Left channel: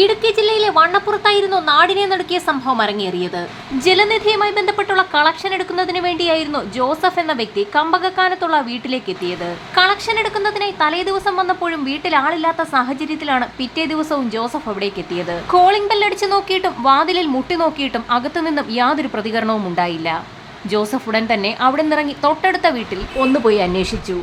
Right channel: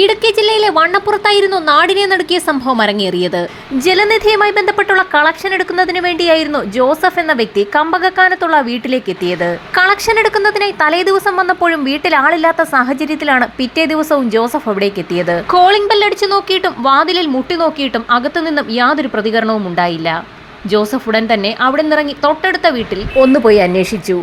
ഇടുക്കി ജില്ലയിലെ വണ്ണപ്പുറത്തായിരുന്നു നാടിനെ നടുക്കിയ സംഭവം അരങ്ങേറിയത്. ജലനിധിയുമായി ബന്ധപ്പെട്ടുള്ള കളക്ഷൻ എടുക്കുന്നതിന് വേണ്ടിയായിരുന്നു ജോസഫ് എന്ന വ്യക്തി കമ്പകക്കാനത്തുള്ള വീട്ടിലേക്ക് എത്തിയത്. കളക്ഷൻ എടുക്കുന്നതിനായി തലേദിവസം വന്നപ്പോഴും വീട്ടിൽ ആളില്ലാത്ത സാഹചര്യത്തിലാണ് പിറ്റേ ദിവസവും ജോസഫ് അവിടേക്ക് എത്തിയത്. കോളിംഗ് ബെൽ അടിച്ചു നോക്കിയിട്ടും വാതിലിൽ മുട്ടി നോക്കിയിട്ടും അകത്തുനിന്നും യാതൊരു പ്രതികരണവും ഉണ്ടായില്ല. ജോസഫ് ഉടൻ തന്നെ അവിടെ നിന്നിറങ്ങി തൊട്ടടുത്ത വീട്ടിൽ ഒന്നുപോയി അന്വേഷിച്ചു.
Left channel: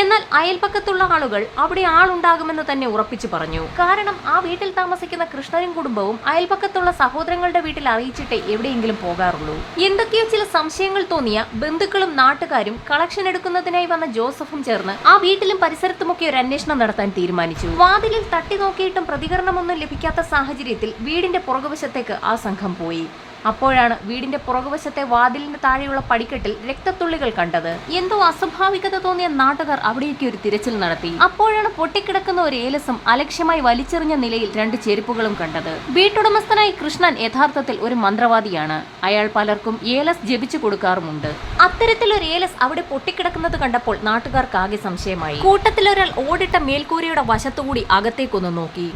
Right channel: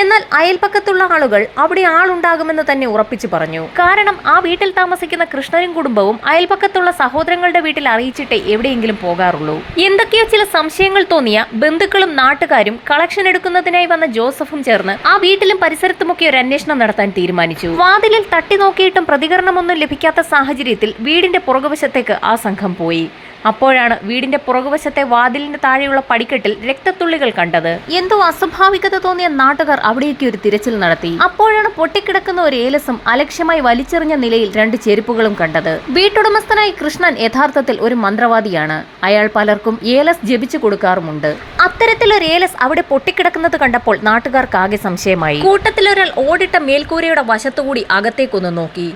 എന്നാൽ അയൽപക്കത്തുള്ള ആളുകൾ അവിടെ ആളുണ്ടാകുമെന്ന് തന്നെ ഉറപ്പിച്ചു പറഞ്ഞു. കാരണം ആ വീട്ടിൽ താമസിക്കുന്ന കൃഷ്ണനും കുടുംബവും അയൽപക്കത്തുള്ള സഹോദരങ്ങളുടെ വീട്ടിൽ അറിയിച്ചിട്ടേ എവിടെയെങ്കിലും പോകാറുള്ളൂ. എന്തൊക്കെയോ ചില സംശയങ്ങൾ തോന്നിയ ബന്ധുക്കളും നാട്ടുകാരും കളക്ഷൻ എടുക്കുന്നതിനായി വന്ന ജോസഫും ചേർന്ന് ആ വീട്ടിലും പരിസരത്തുമൊക്കെ ഒരു അന്വേഷണം നടത്താൻ തീരുമാനിച്ചു. വാതിലിൽ തട്ടി നോക്കിയിട്ടും പ്രതികരണമൊന്നും ലഭിക്കാത്ത സാഹചര്യത്തിൽ വീടിന്റെ പുറകുവശത്തേക്ക് ആ സംഘം പോയി. അപ്പോഴാണ് വീടിന്റെ പുറകുവശത്തെ വാതിലിന് താഴെയുള്ള പടിക്കെട്ടിൽ രക്തത്തുള്ളികൾ കണ്ടത്. എന്തോ അസ്വാഭാവികത തോന്നിയ നാട്ടുകാർ അവിടേക്ക് ഒരു തിരച്ചിൽ നടത്തി. അപ്പോഴാണ് പൊട്ടിക്കിടക്കുന്ന ഒരു ഏലസും അലക്ഷ്യമായി വലിച്ചെറിഞ്ഞ നിലയിൽ 2 ചെരുപ്പുകളും കണ്ടത്. വീട്ടുടമസ്ഥനായ കൃഷ്ണൻ യഥാർത്ഥത്തിൽ ഒരു മന്ത്രവാദിയാണ്. അയാൾ പലർക്കും ഏലസ് ജപിച്ചു കൊടുക്കാറുമുണ്ട്. അത്തരത്തിലൊരു ഏലസ് അവിടെ പൊട്ടിക്കിടക്കുന്നത് കണ്ടപ്പോൾ നാട്ടുകാർക്ക് ആകെ സംശയമായി. കൂട്ടത്തിലൊരാൾ ഓടിട്ട മേൽക്കൂരയുടെ വശത്തുകൂടി അകത്തേക്കൊന്ന് നോക്കി.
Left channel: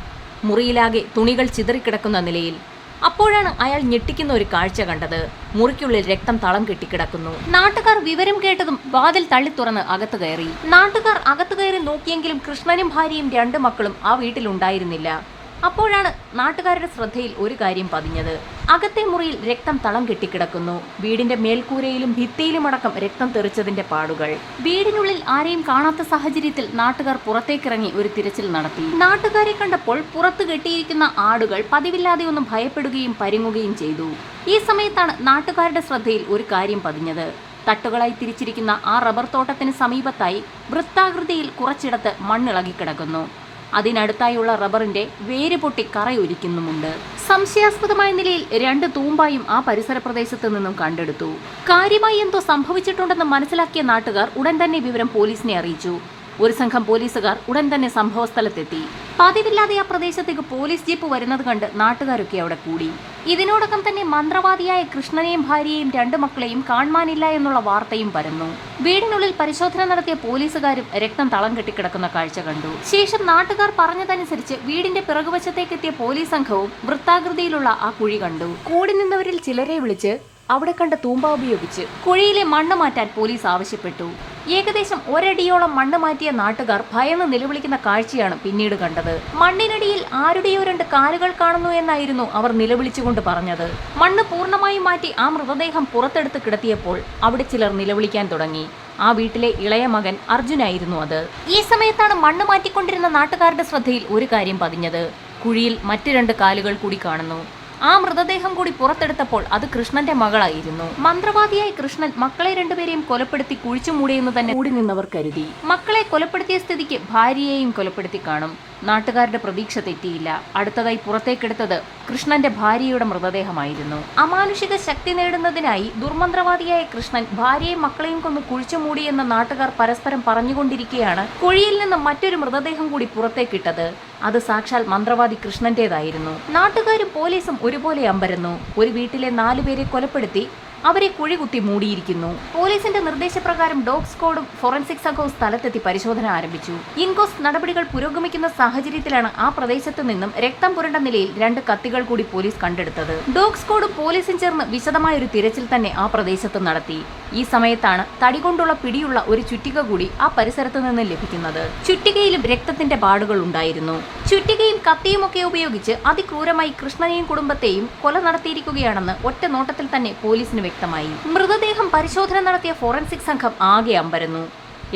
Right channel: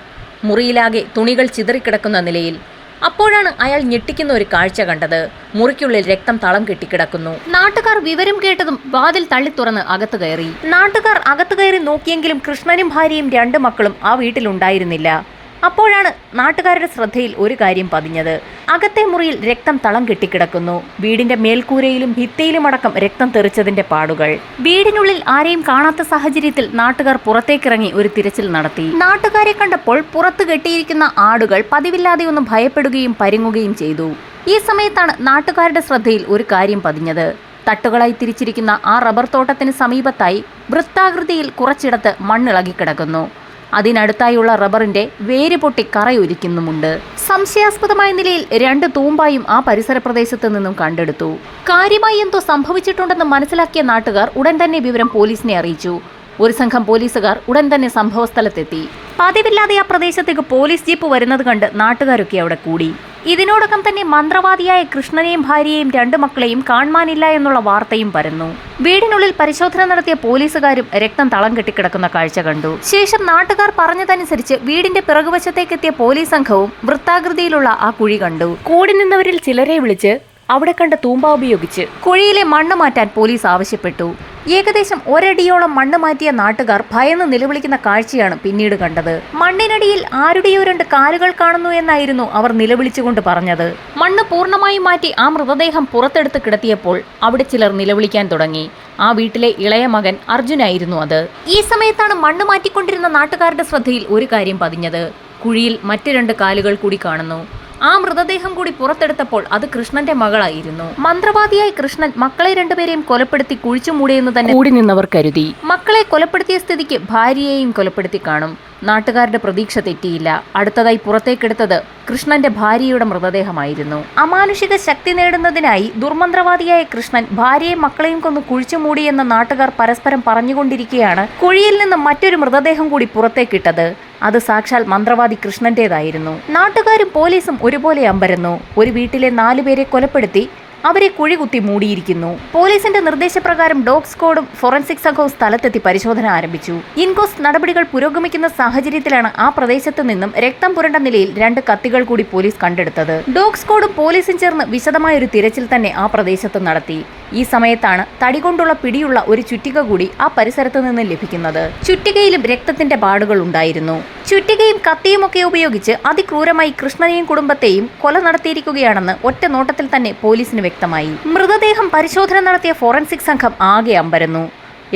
മുറിയിലാകെ തുണികൾ ചിതറിക്കിടക്കുന്ന നിലയിൽ. അപ്പോഴാണ് അയാൾ ഞെട്ടിക്കുന്ന ഒരു കാഴ്ച കണ്ടത്. മുറിക്കുള്ളിൽ രക്തം തളം കെട്ടിക്കിടക്കുന്നു. നാട്ടുകാർ വിവരം കേട്ടതും വാതിൽ തള്ളി തുറന്ന് അകത്ത് കയറി. നാട്ടുകാർ അകത്ത് കയറി നോക്കിയെങ്കിലും കൃഷ്ണനും ഭാര്യയും 2 മക്കളും ആ വീട്ടിലുണ്ടായിരുന്നില്ല. അപ്പോഴാണ് നാട്ടുകാരുടെ ശ്രദ്ധയിൽ ഒരു കാര്യം പതിഞ്ഞത്. അകത്തെ മുറിയിൽ രക്തം തളം കെട്ടിക്കിടക്കുന്നു. വീടിന്റെ മേൽക്കൂരയിലും ഭിത്തിയിലുമടക്കം രക്തം തെറിച്ചതിന്റെ പാടുകൾ. വീടിനുള്ളിൽ ആരെയും കാണാത്ത സാഹചര്യത്തിൽ നാട്ടുകാർ പുറത്തേക്കിറങ്ങി ഒരു തിരച്ചിൽ നടത്തി. നാട്ടുകാരെ കണ്ടപ്പോൾ പുറത്ത് കെട്ടിയിരിക്കുന്ന ആടുകൾ പതിവില്ലാതെ ഒന്ന് ഭയപ്പെടുകയും പരുങ്ങുകയും ചെയ്തു. ഈ സമയത്താണ് നാട്ടുകാരുടെ ശ്രദ്ധയിൽ ഒരു കാര്യം പതിഞ്ഞത്. തട്ടുകളായി തിരിച്ചിരിക്കുന്ന ആ റബ്ബർ തോട്ടത്തിന് സമീപത്തായി വൃത്താകൃതിയിൽ കുറച്ചിടത്ത് മണ്ണിളകിക്കിടക്കുന്നു. അതിനടുത്തായുള്ള റബ്ബറിന്റെ വേര് പൊട്ടി കറയൊലിക്കുന്നുമുണ്ട്. സംശയാസ്പദമായ നിലയിൽ 2 തൂമ്പായും ആ പരിസര പ്രദേശത്ത് നിന്നും കണ്ടെടുത്തു. കാര്യമായി എന്തോ സംഭവിച്ചിട്ടുണ്ടെന്ന് മനസ്സിലാക്കിയ നാട്ടുകാർ ഉടൻ തന്നെ വിവരം പോലീസിനെ അറിയിച്ചു. ഒരു സംഘം പോലീസുകാർ ഉടൻ തന്നെ സംഭവസ്ഥലത്തെത്തി. പതിവില്ലാതെ ആ പ്രദേശത്തേക്ക് പോലീസ് ജീപ്പ് വരുന്നത് കണ്ട് നാട്ടുകാരൊക്കെ അവിടെ കൂടി. ഇതിനോടകം തന്നെ മന്ത്രവാദിയായ കൃഷ്ണനെയും ഭാര്യയെയും 2 മക്കളെയും കാണാനില്ല എന്നുള്ള വാർത്തയും പരന്നു. വീടിനുള്ളിൽ പരിശോധന നടത്തിയ പോലീസുകാരും രക്തം തളം കെട്ടിക്കിടക്കുന്ന കാഴ്ച കണ്ടു. ശേഷം നാട്ടുകാർ പറഞ്ഞതനുസരിച്ച് വീടിന്റെ പിറകുവശത്തേക്കെത്തിയ പോലീസ് സംഘവും വൃത്താകൃതിയിലുള്ള ആ കുഴി കണ്ടു. കൂടി നിന്നവരിൽ ചിലരെ വിളിച്ച് അവിടെ കണ്ട തൂമ്പ ഉപയോഗിച്ച് കുഴിയിലെ മണ്ണ് മാറ്റാൻ പോലീസ് ആവശ്യപ്പെട്ടു. ഏകദേശം 1 അടിയോളം മണ്ണ് മാറ്റിയ നാട്ടുകാർ ഭയന്ന് നിലവിളിക്കുന്ന കാഴ്ചയാണ് പിന്നീട് കണ്ടത്. മണ്ണിനടിയിൽ ആരുടെയോ 2 കാലുകൾ കാണുന്നു എന്നായിരുന്നു അവർ നിലവിളിച്ചുകൊണ്ട് പറഞ്ഞത്. മണ്ണ് പൂർണ്ണമായും മാറ്റി ആ മൃതദേഹം പുറത്തെടുത്ത് കിടത്തിയപ്പോൾ അവിടെ ചിലർ നിലവിളിക്കാൻ തുടങ്ങി. ആ വീട്ടിലെ ഇളയ മകൻ അർജുനായിരുന്നു അത്. ഈ സമയത്താണ് മണ്ണ് മാറ്റിക്കൊണ്ടിരുന്ന നാട്ടുകാരുടെ ശ്രദ്ധയിൽ ഒരു കാര്യം പതിഞ്ഞത്. കുഴിയിൽ മറ്റ് 2 കാലുകൾ കൂടി കാണുന്നു. ആ മൃതദേഹം കൂടി പുറത്തെടുത്തപ്പോൾ അത് കൃഷ്ണന്റെ മകളായിരുന്നു. മന്ത്രവാദിയായ കൃഷ്ണൻ മക്കളെ 2 പേരെയും കൊലപ്പെടുത്തി കുഴിച്ചു മൂടിയെന്ന് തന്നെ കൂടി നിന്നവർ കരുതി. മക്കളെ കൊലപ്പെടുത്തിയ സ്ഥിതിക്ക് ഭാര്യയെയും കൊലപ്പെടുത്തി കാണും. നാട്ടുകാരുടെ പ്രതീക്ഷ തെറ്റിയില്ല. അടുത്തതായി പുറത്തേക്കെടുത്തത് കൃഷ്ണന്റെ ഭാര്യയുടെ മൃതദേഹമായിരുന്നു. അമാനുഷിക ശക്തി നേടുന്നതിനായി ദുർമന്ത്രവാദിയായ കൃഷ്ണൻ ഭാര്യയും മക്കളെയും കൊന്ന് കുഴിച്ചു മൂടിയെന്ന് നാട്ടുകാർ പരസ്പരം പറഞ്ഞുകൊണ്ടിരിക്കെയാണ് കുഴിയിൽ നിന്ന് മറ്റൊരു മൃതദേഹം കൂടി പുറത്തേക്കിട്ടത്. അത് സാക്ഷാൽ മന്ത്രവാദി കൃഷ്ണന്റേതായിരുന്നു. നാട്ടുകാരും പോലീസും ഒരുപോലെ അമ്പരന്നു. ഒരു വീട്ടിലെ 4 പേരെ കൊലപ്പെടുത്തി അവരെ കുഴി കുത്തി മൂടിയിരിക്കുന്നു. പോലീസിന്റെ നിർദ്ദേശപ്രകാരം ഡോഗ് സ്ക്വാഡും ഫോറൻസിക് സംഘവും സ്ഥലത്തെത്തി പരിശോധന ആരംഭിച്ചു. ഇൻക്വസ്റ്റ് നടപടികൾ പുരോഗമിക്കുന്ന സാഹചര്യത്തിലാണ് ആ പ്രദേശത്തു നിന്നും രക്തം പുരണ്ട നിലയിൽ 2 കത്തികൾ കൂടി പോലീസ് കണ്ടെടുത്തത്. ഡോഗ് സ്ക്വാഡും പോലീസും ചേർന്ന് വിശദമായ ഒരു തിരച്ചിൽ തന്നെ ആ പ്രദേശത്ത് നടത്തി. ഈ സമയത്താണ് തടികൊണ്ടുള്ള പിടിയുള്ള ഒരു ചുറ്റിക കൂടി ആ പരിസരത്ത് നിന്ന് ലഭിക്കുന്നത്. ചുറ്റികയിലും രക്തത്തിന്റെ പാടുകൾ ഉണ്ടായിരുന്നു. ചുറ്റികയും കത്തിയുമൊക്കെ ഉപയോഗിച്ച് അതിക്രൂരമായി കൃഷ്ണനെയും കുടുംബത്തെയും കൊല നടത്തിയിരിക്കുകയാണെന്ന് ഒറ്റ നോട്ടത്തിൽ തന്നെ പോലീസിന് വ്യക്തമായി. മൃതദേഹം പരിശോധന നടത്തിയ ഫോറൻസിക് സംഘം ആകെ അമ്പരന്നു.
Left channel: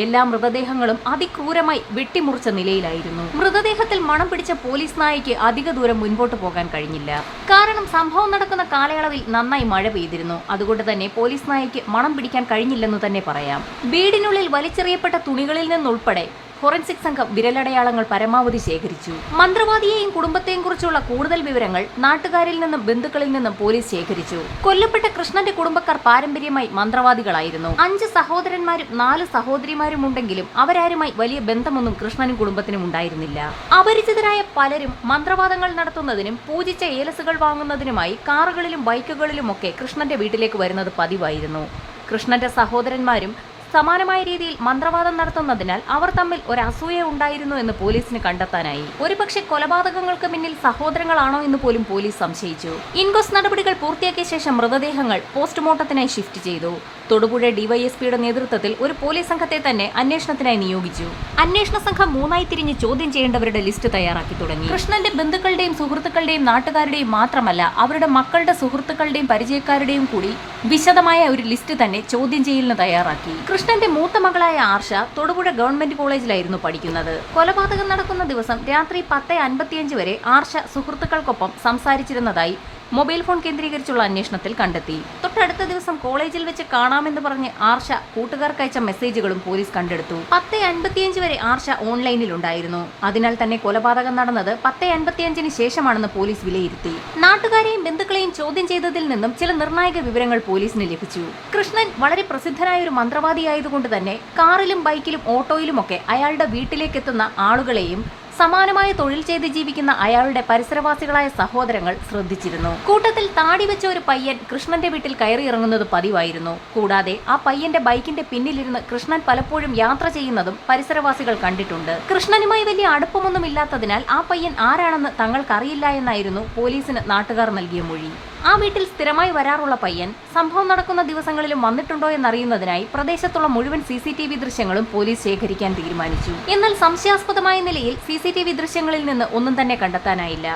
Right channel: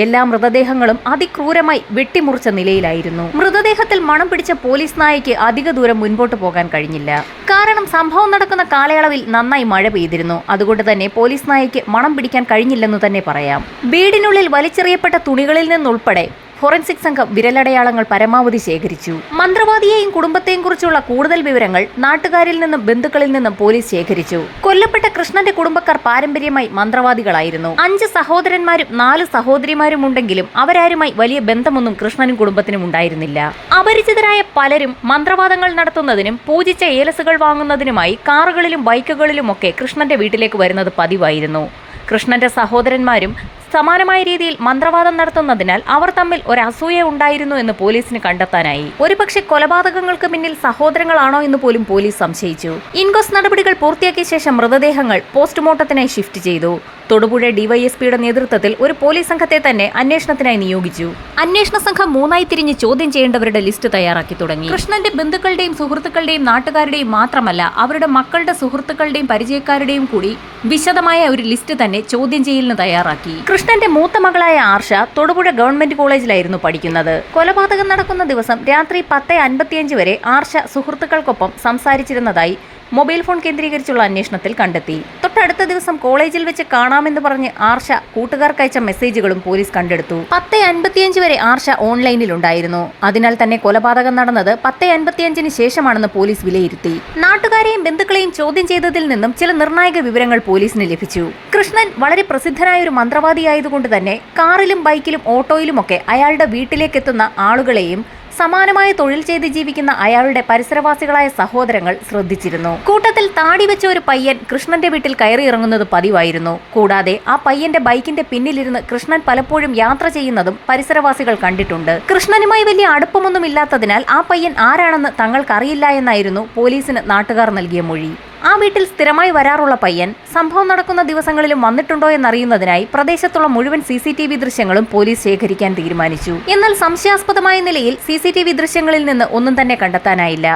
എല്ലാ മൃതദേഹങ്ങളും അതിക്രൂരമായി വെട്ടിമുറിച്ച നിലയിലായിരുന്നു. മൃതദേഹത്തിൽ മണം പിടിച്ച പോലീസ് നായയ്ക്ക് അധിക ദൂരം മുൻപോട്ട് പോകാൻ കഴിഞ്ഞില്ല. കാരണം സംഭവം നടക്കുന്ന കാലയളവിൽ നന്നായി മഴ പെയ്തിരുന്നു. അതുകൊണ്ട് തന്നെ പോലീസ് നായയ്ക്ക് മണം പിടിക്കാൻ കഴിഞ്ഞില്ലെന്ന് തന്നെ പറയാം. വീടിനുള്ളിൽ വലിച്ചെറിയപ്പെട്ട തുണികളിൽ നിന്നുൾപ്പെടെ ഫോറൻസിക് സംഘം വിരലടയാളങ്ങൾ പരമാവധി ശേഖരിച്ചു. മന്ത്രവാദിയെയും കുടുംബത്തെയും കുറിച്ചുള്ള കൂടുതൽ വിവരങ്ങൾ നാട്ടുകാരിൽ നിന്നും ബന്ധുക്കളിൽ നിന്നും പോലീസ് ശേഖരിച്ചു. കൊല്ലപ്പെട്ട കൃഷ്ണന്റെ കുടുംബക്കാർ പാരമ്പര്യമായി മന്ത്രവാദികളായിരുന്നു. 5 സഹോദരന്മാരും 4 സഹോദരിമാരും ഉണ്ടെങ്കിലും അവരാരുമായി വലിയ ബന്ധമൊന്നും കൃഷ്ണനും കുടുംബത്തിനും ഉണ്ടായിരുന്നില്ല. അപരിചിതരായ പലരും മന്ത്രവാദങ്ങൾ നടത്തുന്നതിനും പൂജിച്ച ഏലസുകൾ വാങ്ങുന്നതിനുമായി കാറുകളിലും ബൈക്കുകളിലുമൊക്കെ കൃഷ്ണന്റെ വീട്ടിലേക്ക് വരുന്നത് പതിവായിരുന്നു. കൃഷ്ണന്റെ സഹോദരന്മാരും സമാനമായ രീതിയിൽ മന്ത്രവാദം നടത്തുന്നതിനാൽ അവർ തമ്മിൽ ഒരു അസൂയ ഉണ്ടായിരുന്നു എന്ന് പോലീസിന് കണ്ടെത്താനായി. ഒരുപക്ഷെ കൊലപാതകങ്ങൾക്ക് പിന്നിൽ സഹോദരങ്ങളാണോ എന്ന് പോലും പോലീസ് സംശയിച്ചു. ഇൻക്വസ്റ്റ് നടപടികൾ പൂർത്തിയാക്കിയ ശേഷം മൃതദേഹങ്ങൾ പോസ്റ്റ്മോർട്ടത്തിനായി ഷിഫ്റ്റ് ചെയ്തു. തൊടുപുഴ ഡിവൈഎസ്പിയുടെ നേതൃത്വത്തിൽ ഒരു പോലീസ് സംഘത്തെ തന്നെ അന്വേഷണത്തിനായി നിയോഗിച്ചു. അന്വേഷണ സംഘം മൂന്നായി തിരിഞ്ഞ് ചോദ്യം ചെയ്യേണ്ടവരുടെ ലിസ്റ്റ് തയ്യാറാക്കി തുടങ്ങി. കൃഷ്ണന്റെ ബന്ധുക്കളുടെയും സുഹൃത്തുക്കളുടെയും നാട്ടുകാരുടെയും മാത്രമല്ല, അവരുടെ മക്കളുടെ സുഹൃത്തുക്കളുടെയും പരിചയക്കാരുടെയും കൂടി വിശദമായ ഒരു ലിസ്റ്റ് തന്നെ ചോദ്യം ചെയ്യലിന് തയ്യാറാക്കി. കൃഷ്ണന്റെ മൂത്ത മകളായ ആർഷ തൊടുപുഴ ഗവൺമെന്റ് കോളേജിലായിരുന്നു പഠിക്കുന്നത്. കൊലപാതകം നടക്കുന്ന ദിവസം രാത്രി 10:55 വരെ ആർഷ സുഹൃത്തുക്കൾക്കൊപ്പം സംസാരിച്ചിരുന്നതായി മൊബൈൽ ഫോൺ കേന്ദ്രീകരിച്ചുള്ള അന്വേഷണത്തിൽ കണ്ടെത്തി. തൊട്ടടുത്ത ദിവസം കോളേജിൽ വെച്ച് കാണാമെന്ന് പറഞ്ഞ് ആർഷ കൂട്ടുകാർക്കയച്ച മെസ്സേജുകളും പോലീസ് കണ്ടെടുത്തു. 10:55 വരെ ആർഷ ഓൺലൈനിലുണ്ടായിരുന്നു. അതിനാൽ തന്നെ കൊലപാതകം നടന്നത് 10:55 ശേഷമാണെന്ന് പോലീസ് വിലയിരുത്തി. നാട്ടുകാരെയും ബന്ധുക്കളെയും ചോദ്യം ചെയ്തതിൽ നിന്നും ചില നിർണായക വിവരങ്ങൾ പോലീസിന് ലഭിച്ചു. കൃഷ്ണൻ വളരെ പ്രസിദ്ധനായ ഒരു മന്ത്രവാദിയായതുകൊണ്ട് തന്നെ കാറിലും ബൈക്കിലും ഓട്ടോയിലുമൊക്കെ അയാളുടെ വീട്ടിലേക്കെത്തുന്ന ആളുകളെയും സമാനമായ തൊഴിൽ ചെയ്ത് ജീവിക്കുന്ന അയാളുടെ പരിസരവാസികളായ സഹോദരങ്ങൾ ശ്രദ്ധിച്ചിരുന്നു. കൂട്ടത്തിൽ താടി വെച്ച ഒരു പയ്യൻ കൃഷ്ണന്റെ വീട്ടിൽ കയറിയിറങ്ങുന്നത് പതിവായിരുന്നു. കൂടാതെ ആ പയ്യന്റെ ബൈക്കിന്റെ പിന്നിലിരുന്ന് കൃഷ്ണൻ പലപ്പോഴും യാത്ര ചെയ്യുന്നതും പരിസരവാസികൾ കണ്ടിട്ടുണ്ട്. കൃഷ്ണനുമായി വലിയ അടുപ്പമൊന്നും ഇല്ലാത്തതിനാൽ ആ പയ്യൻ ആരാണെന്ന് തങ്ങൾക്കറിയില്ല എന്നായിരുന്നു പോലീസിന് നാട്ടുകാർ നൽകിയ മൊഴി. ആ വീട്ടിൽ സ്ഥിരമായി വരാറുള്ള പയ്യൻ സംഭവം നടക്കുന്ന ദിവസങ്ങളിലും വന്നിട്ടുണ്ടോ എന്നറിയുന്നതിനായി പ്രദേശത്തുള്ള മുഴുവൻ CCTV ദൃശ്യങ്ങളും പോലീസ് ശേഖരിക്കാൻ തീരുമാനിച്ചു. എന്നാൽ സംശയാസ്പദമായ നിലയിൽ CCTV ദൃശ്യങ്ങളിൽ നിന്ന് ഒന്നും തന്നെ കണ്ടെത്താനായില്ല.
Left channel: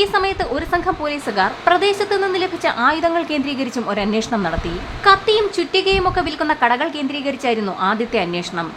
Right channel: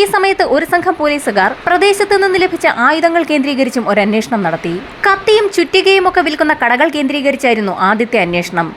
ഈ സമയത്ത് ഒരു സംഘം പോലീസുകാർ പ്രദേശത്ത് നിന്ന് ലഭിച്ച ആയുധങ്ങൾ കേന്ദ്രീകരിച്ചും ഒരു അന്വേഷണം നടത്തി. കത്തിയും ചുറ്റികയും ഒക്കെ വിൽക്കുന്ന കടകൾ കേന്ദ്രീകരിച്ചായിരുന്നു ആദ്യത്തെ അന്വേഷണം.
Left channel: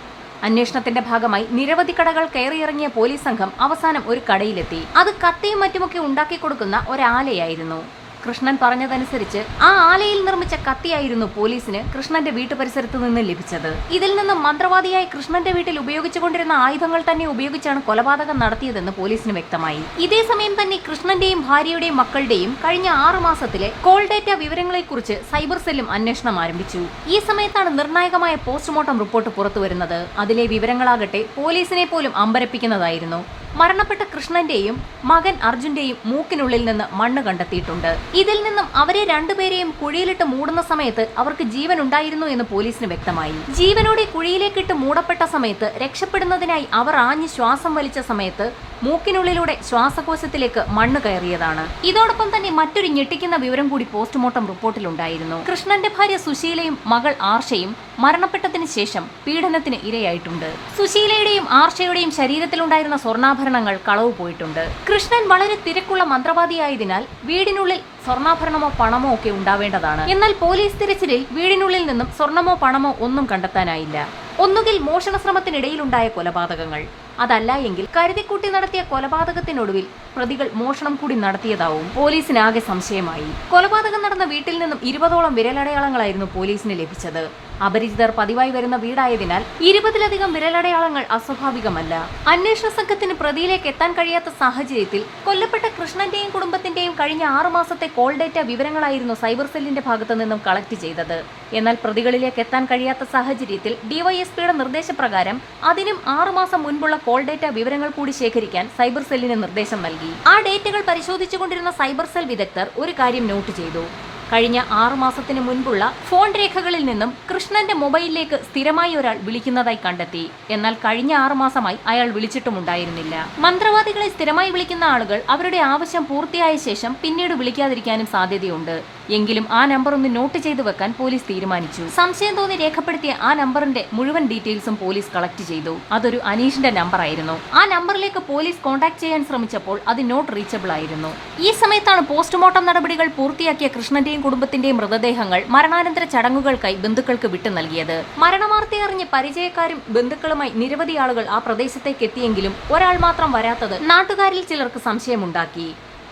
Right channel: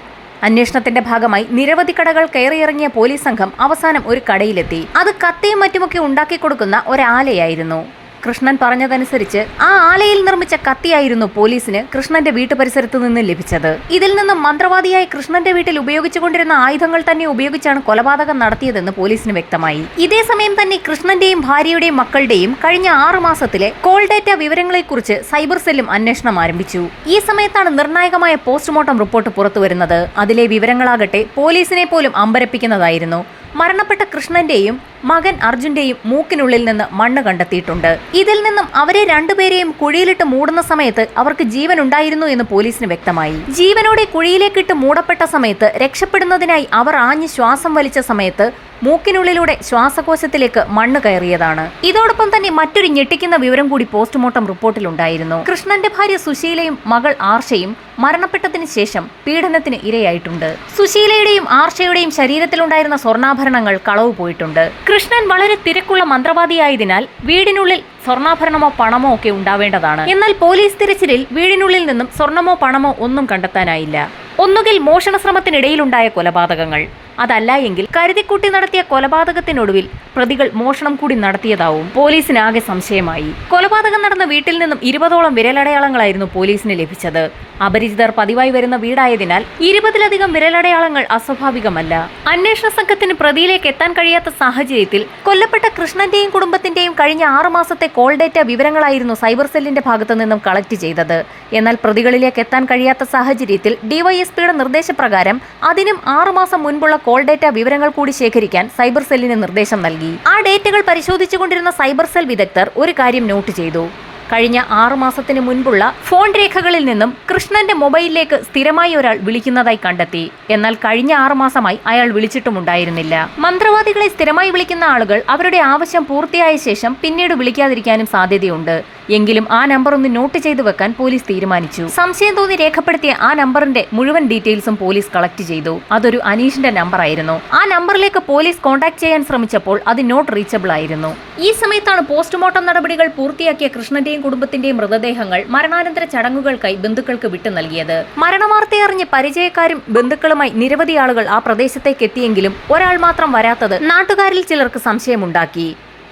അന്വേഷണത്തിന്റെ ഭാഗമായി നിരവധി കടകൾ കയറിയിറങ്ങിയ പോലീസ് സംഘം അവസാനം ഒരു കടയിലെത്തി. അത് കത്തിയും മറ്റുമൊക്കെ ഉണ്ടാക്കി കൊടുക്കുന്ന ഒരാലയായിരുന്നു. കൃഷ്ണൻ പറഞ്ഞതനുസരിച്ച് ആ ആലയിൽ നിർമ്മിച്ച കത്തിയായിരുന്നു പോലീസിന് കൃഷ്ണന്റെ വീട്ടുപരിസരത്ത് നിന്ന് ലഭിച്ചത്. ഇതിൽ നിന്നും മന്ത്രവാദിയായി കൃഷ്ണന്റെ വീട്ടിൽ ഉപയോഗിച്ചുകൊണ്ടിരുന്ന ആയുധങ്ങൾ തന്നെ ഉപയോഗിച്ചാണ് കൊലപാതകം നടത്തിയതെന്ന് പോലീസിന് വ്യക്തമായി. ഇതേ സമയം തന്നെ കൃഷ്ണന്റെയും ഭാര്യയുടെയും മക്കളുടെയും കഴിഞ്ഞ 6 മാസത്തിലെ കോൾ ഡേറ്റ വിവരങ്ങളെക്കുറിച്ച് സൈബർ സെല്ലും അന്വേഷണം ആരംഭിച്ചു. ഈ സമയത്താണ് നിർണായകമായ പോസ്റ്റ്മോർട്ടം റിപ്പോർട്ട് പുറത്തുവരുന്നത്. അതിലെ വിവരങ്ങളാകട്ടെ പോലീസിനെ പോലും അമ്പരപ്പിക്കുന്നതായിരുന്നു. മരണപ്പെട്ട കൃഷ്ണന്റെയും മകൻ അർജുന്റെയും മൂക്കിനുള്ളിൽ നിന്ന് മണ്ണ് കണ്ടെത്തിയിട്ടുണ്ട്. ഇതിൽ നിന്നും അവരെ രണ്ടുപേരെയും കുഴിയിലിട്ട് മൂടുന്ന സമയത്ത് അവർക്ക് ജീവൻ ഉണ്ടായിരുന്നു എന്ന് പോലീസിന് വ്യക്തമായി. ജീവനോടെ കുഴിയിലേക്കിട്ട് മൂടപ്പെട്ട സമയത്ത് രക്ഷപ്പെടുന്നതിനായി അവർ ആഞ്ഞ് ശ്വാസം വലിച്ച സമയത്ത് മൂക്കിനുള്ളിലൂടെ ശ്വാസകോശത്തിലേക്ക് മണ്ണ് കയറിയതാണ്. ഇതോടൊപ്പം തന്നെ മറ്റൊരു ഞെട്ടിക്കുന്ന വിവരം കൂടി പോസ്റ്റ്മോർട്ടം റിപ്പോർട്ടിലുണ്ടായിരുന്നു. കൃഷ്ണന്റെ ഭാര്യ സുശീലയും മകൾ ആർഷയും മരണപ്പെട്ടതിന് ശേഷം പീഡനത്തിന് ഇരയായിട്ടുണ്ട്. സുശീലയുടെയും ആർഷയുടെയും ശരീരത്തിലുണ്ടായിരുന്ന സ്വർണ്ണാഭരണങ്ങൾ കളവ് പോയിട്ടുണ്ട്. കൃഷ്ണൻ വളരെ തിരക്കുള്ള മന്ത്രവാദിയായതിനാൽ വീടിനുള്ളിൽ സ്വർണ്ണാഭരണമോ പണമോ ഒക്കെ ഉണ്ടാവേണ്ടതാണ്. എന്നാൽ പോലീസ് തിരച്ചിലിൽ വീടിനുള്ളിൽ നിന്നും സ്വർണമോ പണമോ ഒന്നും കണ്ടെത്താനായില്ല. ഒന്നുകിൽ മോഷണ ശ്രമത്തിനിടയിലുണ്ടായ കൊലപാതകങ്ങൾ, അതല്ല എങ്കിൽ കരുതിക്കൂട്ടി നടത്തിയ കൊലപാതകത്തിനൊടുവിൽ പ്രതികൾ മോഷണം കൂടി നടത്തിയതാവും. പോലീസിന് ആകെ സംശയമായി. കൊലപാതകം നടന്ന വീട്ടിൽ നിന്നും 20ഓളം വിരലടയാളങ്ങളായിരുന്നു പോലീസിന് ലഭിച്ചത്. അപരിചിതർ പതിവായി വരുന്ന വീടായതിനാൽ 20ലധികം വിരലടയാളങ്ങൾ അസ്വാഭാവികമല്ല. അന്വേഷണ സംഘത്തിന് പ്രതിയിലേക്ക് എത്താൻ കഴിയാത്ത സാഹചര്യത്തിൽ കൊല്ലപ്പെട്ട കൃഷ്ണന്റെയും കുടുംബത്തിന്റെയും കഴിഞ്ഞ 6 മാസത്തെ കോൾ ഡേറ്റ വിവരങ്ങളായിരുന്നു സൈബർ സെല്ലിന്റെ ഭാഗത്തു നിന്നും കളക്ട് ചെയ്തത്. എന്നാൽ പ്രതികളിലേക്ക് എത്താൻ കഴിയാത്ത സാഹചര്യത്തിൽ ഡിവൈഎസ്പിയുടെ നിർദ്ദേശപ്രകാരം അതിനും 6 മാസം മുൻപുള്ള കോൾ ഡേറ്റ വിവരങ്ങൾ കൂടി ശേഖരിക്കാൻ സൈബർ സെല്ലിന് നിർദ്ദേശം നൽകി. ആ ഡേറ്റകൾ പരിശോധിച്ചുകൊണ്ടിരുന്ന സൈബർ സെൽ വിദഗ്ധർ ഒരു കാര്യം നോട്ട് ചെയ്തു. കഴിഞ്ഞ 6 മാസത്തിന് മുൻപുള്ള ഫോൺ രേഖകളിൽ നിന്നും കൃഷ്ണന്റെ മൊബൈലിലേക്ക് സ്ഥിരമായി ഒരാൾ വിളിക്കുന്നതായി കണ്ടെത്തി. എന്നാൽ കഴിഞ്ഞ 6 മാസമായി അയാൾ വിളിച്ചിട്ടുമുണ്ടായിരുന്നില്ല. മന്ത്രവാദികളെ സ്ഥിരമായി വിളിക്കുന്ന ആളുകൾ അവരുടെ ആവശ്യം പൂർത്തിയായ ശേഷം പിന്നീട് വിളിക്കാതിരിക്കാനും സാധ്യതയുണ്ട്. എങ്കിലും ആ നമ്പർ ഒന്ന് നോട്ട് ചെയ്തു വെക്കാൻ പോലീസ് തീരുമാനിച്ചു. സംശയം തോന്നി രേഖപ്പെടുത്തിയ ആ നമ്പറിന്റെ മുഴുവൻ ഡീറ്റെയിൽസും പോലീസ് കളക്ട് ചെയ്തു. അതൊരു അനീഷിന്റെ നമ്പർ ആയിരുന്നു. ആ നമ്പറിലേക്ക് പോലീസ് കോൺടാക്ട് ചെയ്യാൻ ശ്രമിച്ചപ്പോൾ അത് നോട്ട് റീച്ചബിൾ ആയിരുന്നു. ഈ സമയത്താണ് പോസ്റ്റ്മോർട്ടം നടപടികൾ പൂർത്തിയാക്കിയ കൃഷ്ണന്റെയും കുടുംബത്തിന്റെയും മൃതദേഹങ്ങൾ മരണാനന്തര ചടങ്ങുകൾക്കായി ബന്ധുക്കൾക്ക് വിട്ടു നൽകിയത്. മരണവാർത്തയറിഞ്ഞ് പരിചയക്കാരും ബന്ധുക്കളുമായി നിരവധി ആളുകൾ ആ പ്രദേശത്തേക്ക് എത്തിയെങ്കിലും ഒരാൾ മാത്രം വരാത്തത് നാട്ടുകാരിൽ ചിലർക്ക് സംശയമുണ്ടാക്കി.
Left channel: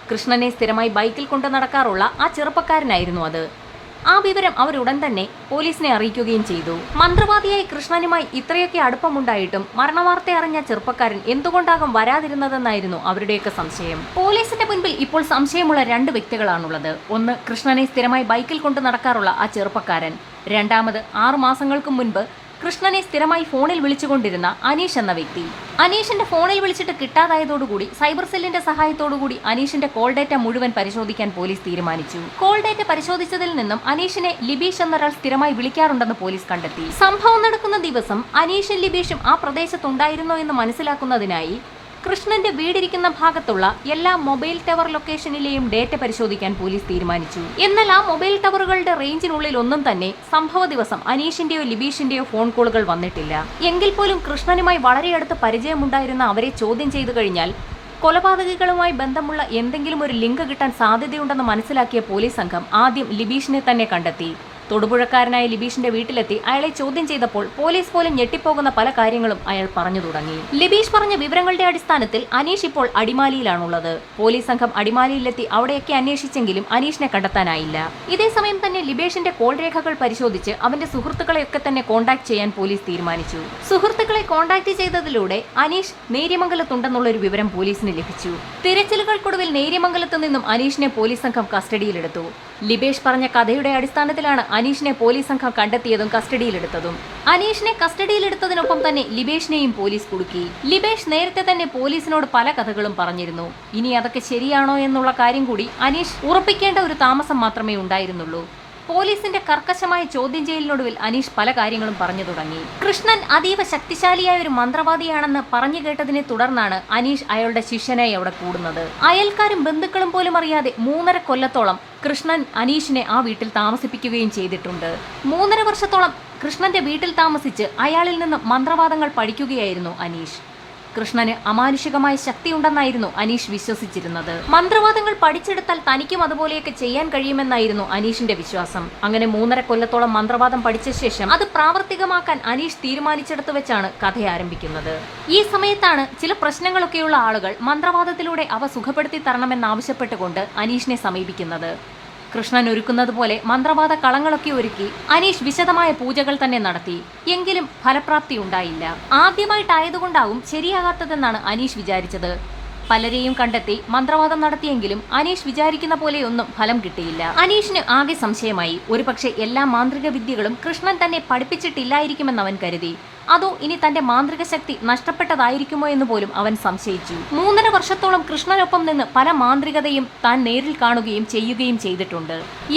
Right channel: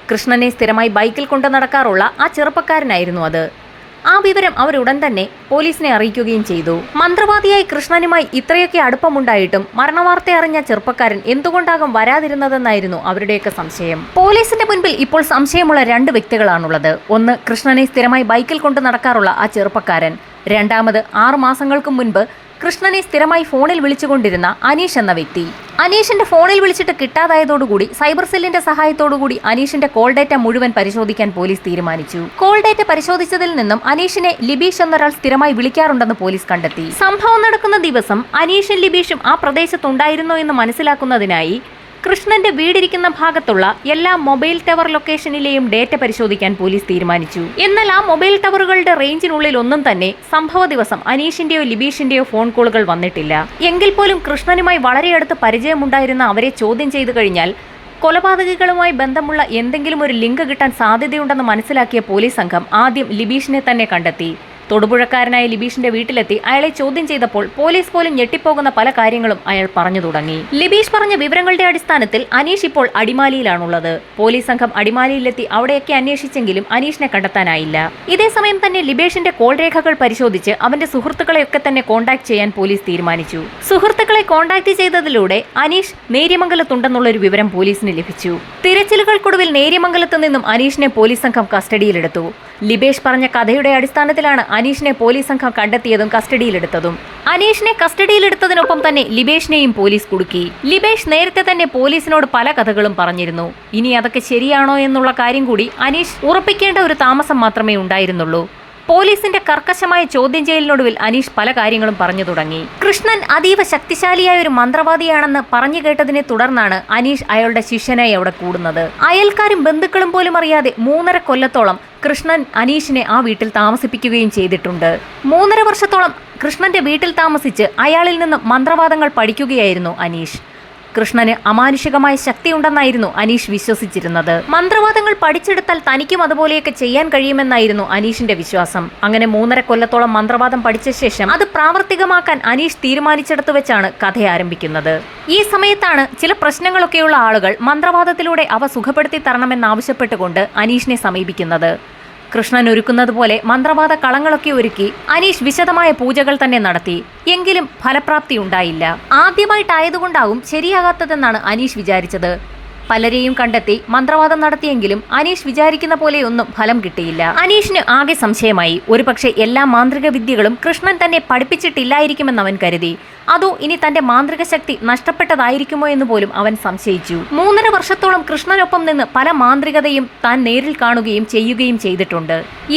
കൃഷ്ണനെ സ്ഥിരമായി ബൈക്കിൽ കൊണ്ടു നടക്കാറുള്ള ആ ചെറുപ്പക്കാരനായിരുന്നു അത്. ആ വിവരം അവരുടൻ തന്നെ പോലീസിനെ അറിയിക്കുകയും ചെയ്തു. മന്ത്രവാദിയായി കൃഷ്ണനുമായി ഇത്രയൊക്കെ അടുപ്പമുണ്ടായിട്ടും മരണവാർത്ത അറിഞ്ഞ ചെറുപ്പക്കാരൻ എന്തുകൊണ്ടാകും വരാതിരുന്നതെന്നായിരുന്നു അവരുടെയൊക്കെ സംശയം. പോലീസിന്റെ മുൻപിൽ ഇപ്പോൾ സംശയമുള്ള 2 വ്യക്തികളാണുള്ളത്. ഒന്ന്, കൃഷ്ണനെ സ്ഥിരമായി ബൈക്കിൽ കൊണ്ടു നടക്കാറുള്ള ആ ചെറുപ്പക്കാരൻ. രണ്ടാമത്, 6 മാസങ്ങൾക്ക് മുൻപ് കൃഷ്ണനെ സ്ഥിരമായി ഫോണിൽ വിളിച്ചുകൊണ്ടിരുന്ന അനീഷ് എന്ന വ്യക്തി. അനീഷിന്റെ ഫോണിൽ വിളിച്ചിട്ട് കിട്ടാതായതോടുകൂടി സൈബർ സെല്ലിന്റെ സഹായത്തോടുകൂടി അനീഷിന്റെ കോൾ ഡേറ്റ മുഴുവൻ പരിശോധിക്കാൻ പോലീസ് തീരുമാനിച്ചു. കോൾ ഡേറ്റ പരിശോധിച്ചതിൽ നിന്നും അനീഷിനെ ലിബീഷ് എന്നൊരാൾ സ്ഥിരമായി വിളിക്കാറുണ്ടെന്ന് പോലീസ് കണ്ടെത്തി. സംഭവം നടക്കുന്ന ദിവസം അനീഷും ലിബീഷും ആ പ്രദേശത്തുണ്ടായിരുന്നോ എന്ന് മനസ്സിലാക്കുന്നതിനായി കൃഷ്ണന്റെ വീടിരിക്കുന്ന ഭാഗത്തുള്ള എല്ലാ മൊബൈൽ ടവർ ലൊക്കേഷനിലെയും ഡേറ്റ പരിശോധിക്കാൻ പോലീസ് തീരുമാനിച്ചു. എന്നാൽ ആ മൊബൈൽ ടവറുകളുടെ റേഞ്ചിനുള്ളിൽ ഒന്നും തന്നെ സംഭവ ദിവസം അനീഷിന്റെയോ ലിബീഷിന്റെയോ ഫോൺ കോളുകൾ വന്നിട്ടില്ല. എങ്കിൽ പോലും കൃഷ്ണനുമായി വളരെ അടുത്ത് പരിചയമുണ്ടായിരുന്ന അവരെ ചോദ്യം ചെയ്തു കഴിഞ്ഞാൽ കൊലപാതകികളുമായി ബന്ധമുള്ള എന്തെങ്കിലും ഒരു ലിങ്ക് കിട്ടാൻ സാധ്യതയുണ്ടെന്ന് മനസ്സിലാക്കിയ പോലീസ് സംഘം ആദ്യം ലിബീഷിനെ തന്നെ കണ്ടെത്തി. തൊടുപുഴക്കാരനായ ലിബീഷിന്റെ വീട്ടിലെത്തി അയാളെ ചോദ്യം ചെയ്തപ്പോൾ പോലീസ് പോലും ഞെട്ടിപ്പോകുന്ന പല കാര്യങ്ങളും അയാൾ പറഞ്ഞു തുടങ്ങി. ലിബീഷ് പറഞ്ഞ വിവരങ്ങളുടെ അടിസ്ഥാനത്തിൽ അനീഷ് ഇപ്പോൾ അടിമാലിയിലാണുള്ളത്. പോലീസ് സംഘം അടിമാലിയിലെത്തി അവിടെയൊക്കെ അന്വേഷിച്ചെങ്കിലും അനീഷിനെ കണ്ടെത്താനായില്ല. ഇതേസമയം തന്നെ ലിബീഷിന്റെ കോൾ രേഖകൾ പരിശോധിച്ച് അവന്റെ സുഹൃത്തുക്കളെയൊക്കെ തന്നെ കോൺടാക്ട് ചെയ്യാൻ പോലീസ് തീരുമാനിച്ചു. സുഹൃത്തുക്കളെ കോൺടാക്ട് ചെയ്തതിലൂടെ അനീഷ് നേര്യമംഗലത്തുണ്ടെന്നുള്ള ഒരു വിവരം പോലീസിന് ലഭിച്ചു. തിരച്ചിലുകൾക്കൊടുവിൽ നേര്യമംഗലത്ത് നിന്നും അനീഷിനെ പോലീസ് സംഘം കസ്റ്റഡിയിലെടുത്തു. ലിബേഷ് പറഞ്ഞ കഥയുടെ അടിസ്ഥാനത്തിലാണ് അനീഷിനെ പോലീസ് സംഘം കണ്ടെത്തിയതും കസ്റ്റഡിയിലെടുത്തതും. അനീഷിനെ കസ്റ്റഡിയിലെടുത്തതിനൊപ്പം തന്നെ ലിബേഷിനെയും പോലീസ് കുടുക്കി. ലിബേഷ് നേരത്തെ തന്നെ പോലീസിനോട് പല കഥകളും പറഞ്ഞിരുന്നു. ഇനി അതൊക്കെ ശരിയാണോ എന്നുള്ള കാര്യം കൂടി അനീഷ് ഉറപ്പിക്കേണ്ട ഒരു താമസം മാത്രമേ ഉണ്ടായിരുന്നുള്ളൂ. പോലീസിന്റെ കർക്കശമായ ചോദ്യം ചെയ്യലിനൊടുവിൽ അനീഷ് പല കാര്യങ്ങളും പറഞ്ഞു തുടങ്ങി. കൃഷ്ണൻ അതീവ ശക്തിശാലിയായ ഒരു മന്ത്രവാദിയാണെന്ന് പറഞ്ഞു കേട്ടതിനെ തുടർന്നാണ് അനീഷ് അയാളുടെ ശിഷ്യനായി അവിടെ കൂടുന്നത്. അയൽക്കാരും ബന്ധുക്കളും പോലും അറിയാതെ 3.5 കൊല്ലത്തോളം കൃഷ്ണൻ അനീഷിനെ ആ വീട്ടിൽ താമസിപ്പിക്കുകയും ചെയ്തിട്ടുണ്ട്. 3.5 വർഷത്തോളം കൃഷ്ണന്റെ വീട്ടിൽ താമസിച്ച് അയാളിൽ നിന്ന് മന്ത്രവാദങ്ങൾ പഠിക്കുകയായിരുന്നു അനീഷ്. കൃഷ്ണന് അമാനുഷികമായ ശക്തിയുണ്ടെന്നായിരുന്നു അനീഷ് വിശ്വസിച്ചിരുന്നത്. മന്ത്രവാദങ്ങൾ പഠിച്ചെടുത്താൽ തനിക്കും അതുപോലെയൊക്കെ ചെയ്യാൻ കഴിയുമെന്നായിരുന്നു അനീഷിന്റെ വിശ്വാസം. അങ്ങനെ 3.5 കൊല്ലത്തോളം മന്ത്രവാദം പഠിച്ച ശേഷം അത് പ്രാവർത്തികമാക്കാൻ അനീഷ് തീരുമാനിച്ചെടുത്തു വെച്ചാണ് കഥ ആരംഭിക്കുന്നത്. ഈ സമയത്താണ് ചില പ്രശ്നങ്ങളൊക്കെയുള്ള ആളുകൾ മന്ത്രവാദത്തിലൂടെ അവ സുഖപ്പെടുത്തി തരണമെന്നാവശ്യപ്പെട്ടുകൊണ്ട് അനീഷിനെ സമീപിക്കുന്നത്. കൃഷ്ണൻ ഒരുക്കുന്നത് പോലെ മന്ത്രവാദ കളങ്ങളൊക്കെ ഒരുക്കി അനീഷ് വിശദമായ പൂജകൾ തന്നെ നടത്തി. എങ്കിലും ഫലപ്രാപ്തി ഉണ്ടായില്ല. ആദ്യമായിട്ടായതുകൊണ്ടാവും ശരിയാകാത്തതെന്നാണ് അനീഷ് വിചാരിച്ചത്. പലരെയും കണ്ടെത്തി മന്ത്രവാദം നടത്തിയെങ്കിലും അനീഷ് വിചാരിക്കുന്ന പോലെയൊന്നും ഫലം കിട്ടിയില്ല. അനീഷിന് ആകെ സംശയമായി. ഒരുപക്ഷെ എല്ലാ മാന്ത്രിക വിദ്യകളും കൃഷ്ണൻ തന്നെ പഠിപ്പിച്ചിട്ടില്ലായിരിക്കുമെന്ന് അവൻ കരുതി. അതോ ഇനി തന്റെ മാന്ത്രിക ശക്തി നഷ്ടപ്പെട്ടതായിരിക്കുമോ എന്ന് പോലും അവൻ സംശയിച്ചു. 3.5 വർഷത്തോളം കൃഷ്ണനൊപ്പം നിന്ന് പല മാന്ത്രികതയും താൻ നേരിൽ കാണുകയും ചെയ്യുകയും ചെയ്തിട്ടുണ്ട്.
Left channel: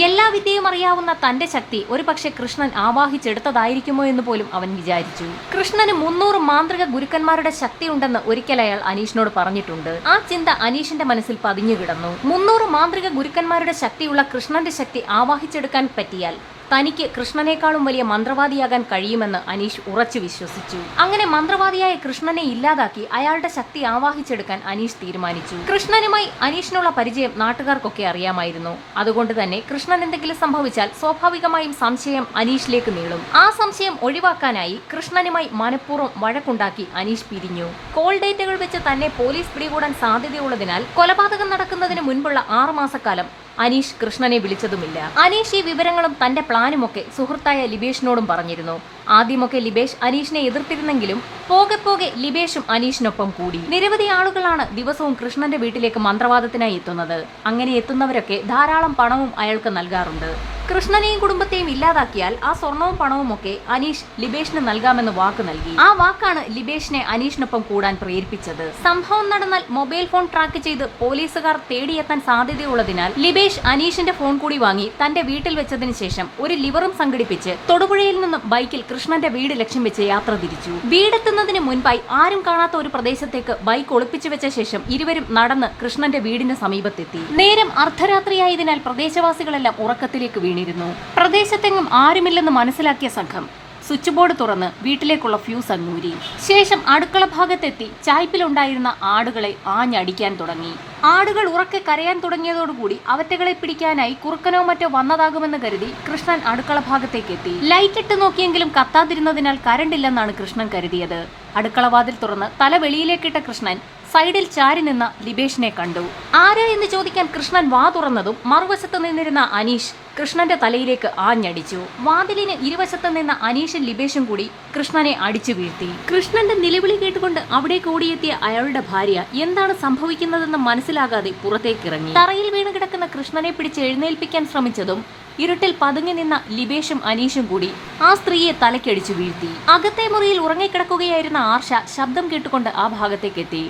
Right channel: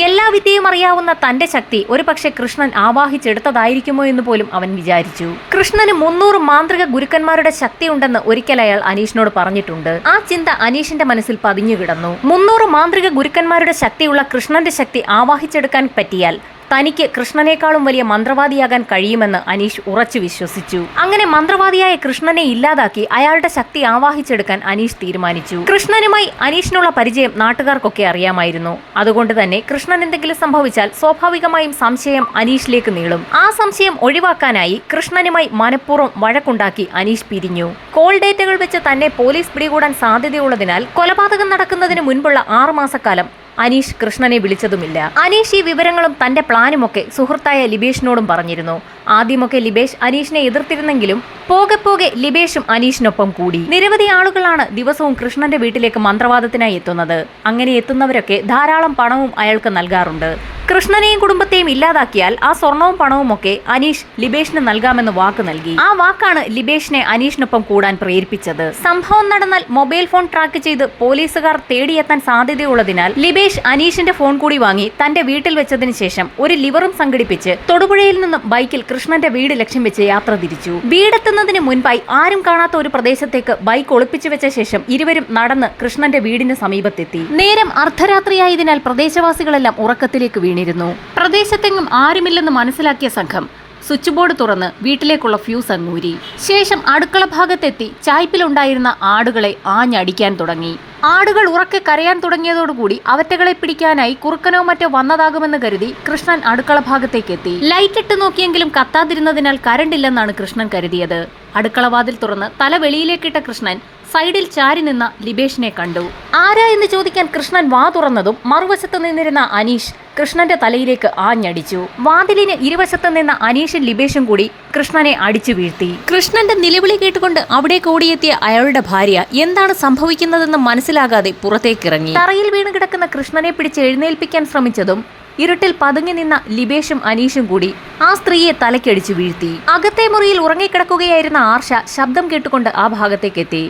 എല്ലാ വിദ്യയും അറിയാവുന്ന തന്റെ ശക്തി ഒരുപക്ഷെ കൃഷ്ണൻ ആവാഹിച്ചെടുത്തതായിരിക്കുമോ എന്ന് പോലും അവൻ വിചാരിച്ചു. കൃഷ്ണന് 300 മാന്ത്രിക ഗുരുക്കന്മാരുടെ ശക്തിയുണ്ടെന്ന് ഒരിക്കൽ അയാൾ അനീഷിനോട് പറഞ്ഞിട്ടുണ്ട്. ആ ചിന്ത അനീഷിന്റെ മനസ്സിൽ പതിഞ്ഞു കിടന്നു. 300 മാന്ത്രിക ഗുരുക്കന്മാരുടെ ശക്തിയുള്ള കൃഷ്ണന്റെ ശക്തി ആവാഹിച്ചെടുക്കാൻ പറ്റിയാൽ തനിക്ക് കൃഷ്ണനേക്കാളും വലിയ മന്ത്രവാദിയാകാൻ കഴിയുമെന്ന് അനീഷ് ഉറച്ചു വിശ്വസിച്ചു. അങ്ങനെ മന്ത്രവാദിയായ കൃഷ്ണനെ ഇല്ലാതാക്കി അയാളുടെ ശക്തി ആവാഹിച്ചെടുക്കാൻ അനീഷ് തീരുമാനിച്ചു. കൃഷ്ണനുമായി അനീഷിനുള്ള പരിചയം നാട്ടുകാർക്കൊക്കെ അറിയാമായിരുന്നു. അതുകൊണ്ട് തന്നെ കൃഷ്ണൻ എന്തെങ്കിലും സംഭവിച്ചാൽ സ്വാഭാവികമായും സംശയം അനീഷിലേക്ക് നീളും. ആ സംശയം ഒഴിവാക്കാനായി കൃഷ്ണനുമായി മനഃപൂർവ്വം വഴക്കുണ്ടാക്കി അനീഷ് പിരിഞ്ഞു. കോൾ ഡേറ്റകൾ വെച്ച് തന്നെ പോലീസ് പിടികൂടാൻ സാധ്യതയുള്ളതിനാൽ കൊലപാതകം നടക്കുന്നതിന് മുൻപുള്ള 6 മാസക്കാലം അനീഷ് കൃഷ്ണനെ വിളിച്ചതുമില്ല. അനീഷ് ഈ വിവരങ്ങളും തന്റെ പ്ലാനുമൊക്കെ സുഹൃത്തായ ലിബേഷിനോടും പറഞ്ഞിരുന്നു. ആദ്യമൊക്കെ ലിബേഷ് അനീഷിനെ എതിർത്തിരുന്നെങ്കിലും പോകെ പോകെ ലിബേഷും അനീഷിനൊപ്പം കൂടി. നിരവധി ആളുകളാണ് ദിവസവും കൃഷ്ണന്റെ വീട്ടിലേക്ക് മന്ത്രവാദത്തിനായി എത്തുന്നത്. അങ്ങനെ എത്തുന്നവരൊക്കെ ധാരാളം പണവും അയാൾക്ക് നൽകാറുണ്ട്. കൃഷ്ണനെയും കുടുംബത്തെയും ഇല്ലാതാക്കിയാൽ ആ സ്വർണവും പണവും ഒക്കെ അനീഷ് ലിബേഷിന് നൽകാമെന്ന് വാക്ക് നൽകി. ആ വാക്കാണ് ലിബേഷിനെ അനീഷിനൊപ്പം കൂടാൻ പ്രേരിപ്പിച്ചത്. സംഭവം നടന്നാൽ മൊബൈൽ ഫോൺ ട്രാക്ക് ചെയ്ത് പോലീസുകാർ തേടിയെത്താൻ സാധ്യതയുള്ളതിനാൽ ലിബേഷ് അനീഷിന്റെ ഫോൺ കൂടി വാങ്ങി തന്റെ വീട്ടിൽ വെച്ചതിന് ശേഷം ഒരു ലിവറും സംഘടിപ്പിച്ച് തൊടുപുഴയിൽ നിന്നും ബൈക്കിൽ കൃഷ്ണന്റെ വീട് ലക്ഷ്യം വെച്ച് യാത്ര തിരിച്ചു. വീടെത്തുന്നതിന് മുൻപായി ആരും കാണാത്ത ഒരു പ്രദേശത്തേക്ക് ബൈക്ക് ഒളിപ്പിച്ചു വെച്ച ശേഷം ഇരുവരും നടന്ന് കൃഷ്ണന്റെ വീടിന് സമീപത്തെത്തി. നേരം അർദ്ധരാത്രിയായതിനാൽ പ്രദേശവാസികളെല്ലാം ഉറക്കത്തിലേക്ക് വീണിരുന്നു. പ്രദേശത്തെങ്ങും ആരുമില്ലെന്ന് മനസ്സിലാക്കിയ സംഘം സ്വിച്ച് ബോർഡ് തുറന്ന് വീട്ടിലേക്കുള്ള ഫ്യൂസ് അങ്ങൂരി. ശേഷം അടുക്കള ഭാഗത്തെത്തി ചായ്പിലുണ്ടായിരുന്ന ആടുകളെ ആഞ്ഞടിക്കാൻ തുടങ്ങി. ആടുകൾ ഉറക്കെ കരയാൻ തുടങ്ങിയതോടുകൂടി അവറ്റകളെ പിടിക്കാനായി കുറുക്കനോ മറ്റോ വന്നതാകുമെന്ന് കരുതി കൃഷ്ണൻ അടുക്കള ഭാഗത്തേക്കെത്തി. ലൈറ്റ് ഇട്ട് നോക്കിയെങ്കിലും കത്താതിരുന്നതിനാൽ കരണ്ടില്ലെന്നാണ് കൃഷ്ണൻ കരുതിയത്. അടുക്കളവാതിൽ തുറന്ന് തല വെളിയിലേക്കിട്ട കൃഷ്ണൻ സൈഡിൽ ചാരി നിന്ന ലിബേഷിനെ കണ്ടു. ആരാ എന്ന് ചോദിക്കാൻ കൃഷ്ണൻ വാ തുറന്നതും മറുവശത്ത് നിന്നിരുന്ന അനീഷ് കൃഷ്ണന്റെ തലയിലേക്ക് ആഞ്ഞടിച്ചു. വാതിലിന് ഇരുവശത്ത് നിന്ന അനീഷും ലിബേഷും കൂടി കൃഷ്ണനെ അടിച്ചു വീഴ്ത്തി. കൃഷ്ണന്റെ നിലവിളി കേട്ടുകൊണ്ട് അവിടേക്ക് ഓടിയെത്തിയ അയാളുടെ ഭാര്യ എന്താണ് സംഭവിക്കുന്നതെന്ന് മനസ്സിലാകാതെ പുറത്തേക്കിറങ്ങി. തറയിൽ വീണ് കിടക്കുന്ന കൃഷ്ണനെ പിടിച്ച് എഴുന്നേൽപ്പിക്കാൻ ശ്രമിച്ചതും ഇരുട്ടിൽ പതുങ്ങി നിന്ന ലിബേഷും അനീഷും കൂടി ആ സ്ത്രീയെ തലക്കടിച്ചു വീഴ്ത്തി. അകത്തെ മുറിയിൽ ഉറങ്ങിക്കിടക്കുകയായിരുന്ന ആർഷ ശബ്ദം കേട്ടുകൊണ്ട് ആ ഭാഗത്തേക്കെത്തി.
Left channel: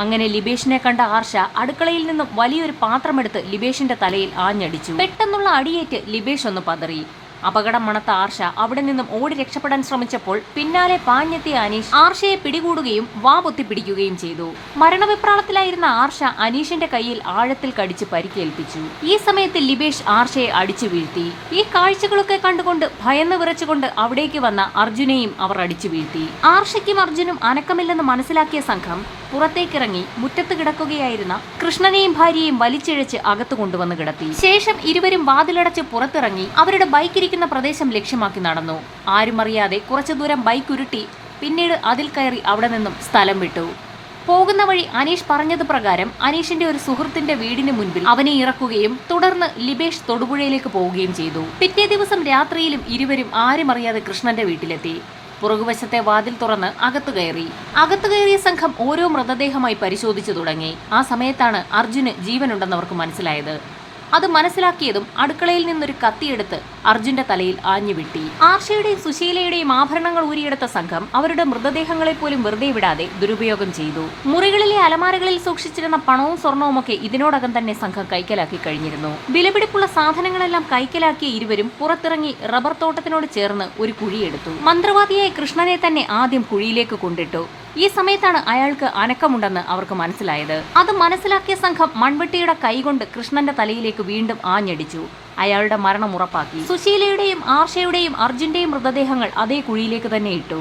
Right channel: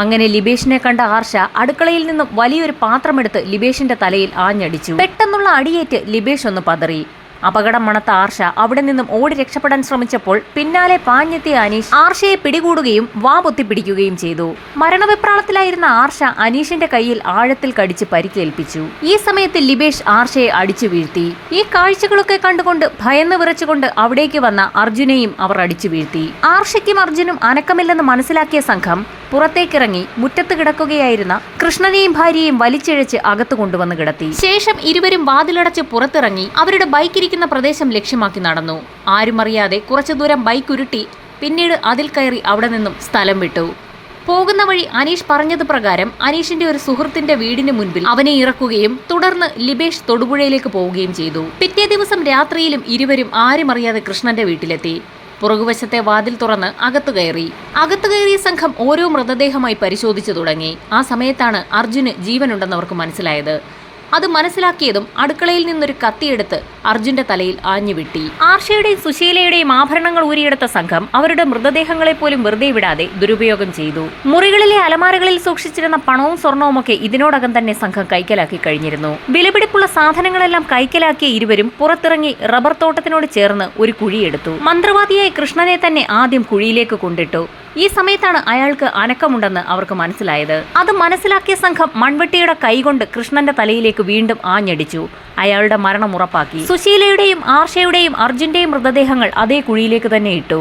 അങ്ങനെ ലിബേഷിനെ കണ്ട ആർഷ അടുക്കളയിൽ നിന്നും വലിയൊരു പാത്രമെടുത്ത് ലിബേഷിന്റെ തലയിൽ ആഞ്ഞടിച്ചു. പെട്ടെന്നുള്ള അടിയേറ്റ് ലിബേഷ് ഒന്ന് പതറി. അപകടം മണത്ത ആർഷ അവിടെ നിന്നും ഓടി രക്ഷപ്പെടാൻ ശ്രമിച്ചപ്പോൾ പിന്നാലെ പാഞ്ഞെത്തിയ അനീഷ് ആർഷയെ പിടികൂടുകയും വാ പൊത്തിപ്പിടിക്കുകയും ചെയ്തു. മരണവിപ്രാളത്തിലായിരുന്ന ആർഷ അനീഷിന്റെ കയ്യിൽ ആഴത്തിൽ കടിച്ച് പരിക്കേൽപ്പിച്ചു. ഈ സമയത്ത് ലിബേഷ് ആർഷയെ അടിച്ചു വീഴ്ത്തി. ഈ കാഴ്ചകളൊക്കെ കണ്ടുകൊണ്ട് ഭയന്ന് വിറച്ചുകൊണ്ട് അവിടേക്ക് വന്ന അർജുനെയും അവർ അടിച്ചു വീഴ്ത്തി. ആർഷയ്ക്കും അർജുനും അനക്കമില്ലെന്ന് മനസ്സിലാക്കിയ സംഘം പുറത്തേക്കിറങ്ങി മുറ്റത്ത് കിടക്കുകയായിരുന്ന കൃഷ്ണനെയും ഭാര്യയെയും വലിച്ചിഴച്ച് അകത്തു കൊണ്ടുവന്ന് കിടത്തി. ശേഷം ഇരുവരും വാതിലടച്ച് പുറത്തിറങ്ങി അവരുടെ ബൈക്ക് ഇരിക്കുന്ന പ്രദേശം ലക്ഷ്യമാക്കി നടന്നു. ആരും അറിയാതെ കുറച്ചു ദൂരം ബൈക്ക് ഉരുട്ടി പിന്നീട് അതിൽ കയറി അവിടെ നിന്നും സ്ഥലം വിട്ടു. പോകുന്ന വഴി അനീഷ് പറഞ്ഞത് പ്രകാരം അനീഷിന്റെ ഒരു സുഹൃത്തിന്റെ വീടിന് മുൻപിൽ അവനെ ഇറക്കുകയും തുടർന്ന് ലിബേഷ് തൊടുപുഴയിലേക്ക് പോവുകയും ചെയ്തു. പിറ്റേ ദിവസം രാത്രിയിലും ഇരുവരും ആരും അറിയാതെ കൃഷ്ണന്റെ വീട്ടിലെത്തി. പുറകുവശത്തെ വാതിൽ തുറന്ന് അകത്തു കയറിയ സംഘം ഓരോ മൃതദേഹമായി പരിശോധിച്ചു തുടങ്ങി. ആ സമയത്താണ് അർജുന് ജീവനുണ്ടെന്നവർക്ക് മനസ്സിലായത്. അത് മനസ്സിലാക്കിയതും അടുക്കളയിൽ നിന്നൊരു കത്തിയെടുത്ത് അർജുന്റെ തലയിൽ ആഞ്ഞുവിട്ടി. ആർഷയുടെയും സുശീലയുടെയും ആഭരണങ്ങൾ ഊരിയെടുത്ത സംഘം അവരുടെ മൃതദേഹങ്ങളെ പോലും വെറുതെ വിടാതെ ദുരുപയോഗം ചെയ്തു. മുറികളിലെ അലമാരകളിൽ സൂക്ഷിച്ചിരുന്ന പണവും സ്വർണവുമൊക്കെ ഇതിനോടകം തന്നെ സംഘം കൈക്കലാക്കി കഴിഞ്ഞിരുന്നു. വിലപിടിപ്പുള്ള സാധനങ്ങളെല്ലാം കൈക്കലാക്കിയ ഇരുവരും പുറത്തിറങ്ങി റബ്ബർ തോട്ടത്തിനോട് ചേർന്ന് ഒരു കുഴിയെടുത്തു. മന്ത്രവാദിയായ കൃഷ്ണനെ തന്നെ ആദ്യം കുഴിയിലേക്ക് കൊണ്ടിട്ടു. ഈ സമയത്താണ് അയാൾക്ക് അനക്കമുണ്ടെന്ന് അവർക്ക് മനസ്സിലായത്. അത് മനസ്സിലാക്കിയ സംഘം മൺവെട്ടിയുടെ കൈകൊണ്ട് കൃഷ്ണന്റെ തലയിലേക്ക് വീണ്ടും ആഞ്ഞടിച്ചു. അയാളുടെ മരണം ഉറപ്പാക്കി. സുശീലയുടെയും ആർഷയുടെയും അർജുന്റെയും മൃതദേഹങ്ങൾ അതേ കുഴിയിലേക്ക് തന്നെ ഇട്ടു.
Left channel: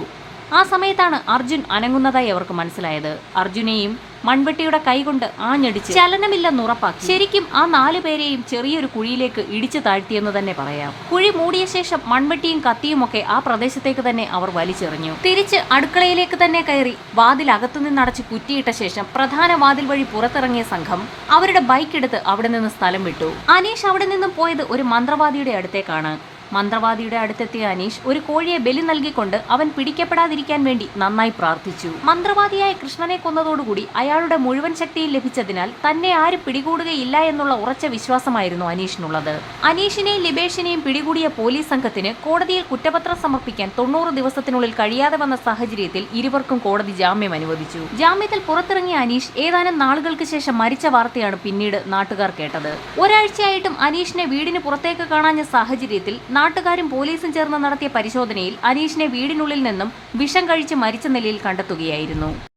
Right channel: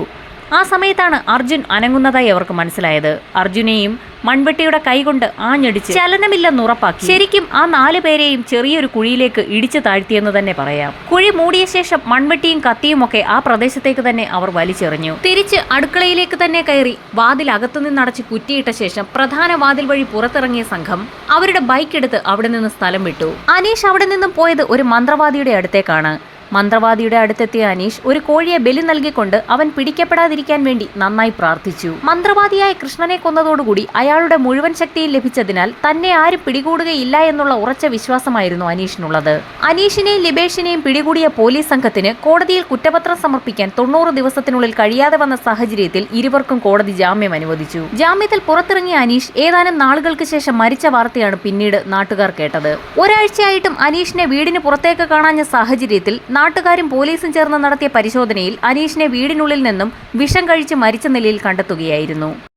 ആ സമയത്താണ് അർജുൻ അനങ്ങുന്നതായി അവർക്ക് മനസ്സിലായത്. അർജുനെയും മൺവെട്ടിയുടെ കൈകൊണ്ട് ആഞ്ഞടിച്ച് ചലനമില്ലെന്ന് ഉറപ്പാക്കി. ശരിക്കും ആ 4 പേരെയും ചെറിയൊരു കുഴിയിലേക്ക് ഇടിച്ചു താഴ്ത്തിയെന്ന് തന്നെ പറയാം. കുഴി മൂടിയ ശേഷം മൺവെട്ടിയും കത്തിയും ഒക്കെ ആ പ്രദേശത്തേക്ക് തന്നെ അവർ വലിച്ചെറിഞ്ഞു. തിരിച്ച് അടുക്കളയിലേക്ക് തന്നെ കയറി വാതിൽ അകത്തുനിന്നടച്ച് കുറ്റിയിട്ട ശേഷം പ്രധാന വാതിൽ വഴി പുറത്തിറങ്ങിയ സംഘം അവരുടെ ബൈക്ക് എടുത്ത് അവിടെ നിന്ന് സ്ഥലം വിട്ടു. അനീഷ് അവിടെ നിന്നും പോയത് ഒരു മന്ത്രവാദിയുടെ അടുത്തേക്കാണ്. മന്ത്രവാദിയുടെ അടുത്തെത്തിയ അനീഷ് ഒരു കോഴിയെ ബലി നൽകിക്കൊണ്ട് അവൻ പിടിക്കപ്പെടാതിരിക്കാൻ വേണ്ടി നന്നായി പ്രാർത്ഥിച്ചു. മന്ത്രവാദിയായ കൃഷ്ണനെ കൊന്നതോടുകൂടി അയാളുടെ മുഴുവൻ ശക്തിയും ലഭിച്ചതിനാൽ തന്നെ ആരും പിടികൂടുകയില്ല എന്നുള്ള ഉറച്ച വിശ്വാസമായിരുന്നു അനീഷിനുള്ളത്. അനീഷിനെയും ലിബേഷിനെയും പിടികൂടിയ പോലീസ് സംഘത്തിന് കോടതിയിൽ കുറ്റപത്രം സമർപ്പിക്കാൻ 90 ദിവസത്തിനുള്ളിൽ കഴിയാതെ വന്ന സാഹചര്യത്തിൽ ഇരുവർക്കും കോടതി ജാമ്യം അനുവദിച്ചു. ജാമ്യത്തിൽ പുറത്തിറങ്ങിയ അനീഷ് ഏതാനും നാളുകൾക്ക് ശേഷം മരിച്ച വാർത്തയാണ് പിന്നീട് നാട്ടുകാർ കേട്ടത്. ഒരാഴ്ചയായിട്ടും അനീഷിനെ വീടിന് പുറത്തേക്ക് കാണാഞ്ഞ സാഹചര്യത്തിൽ നാട്ടുകാരും പോലീസും ചേർന്ന് നടത്തിയ പരിശോധനയിൽ അനീഷിനെ വീടിനുള്ളിൽ നിന്നും വിഷം കഴിച്ച് മരിച്ച നിലയിൽ കണ്ടെത്തുകയായിരുന്നു.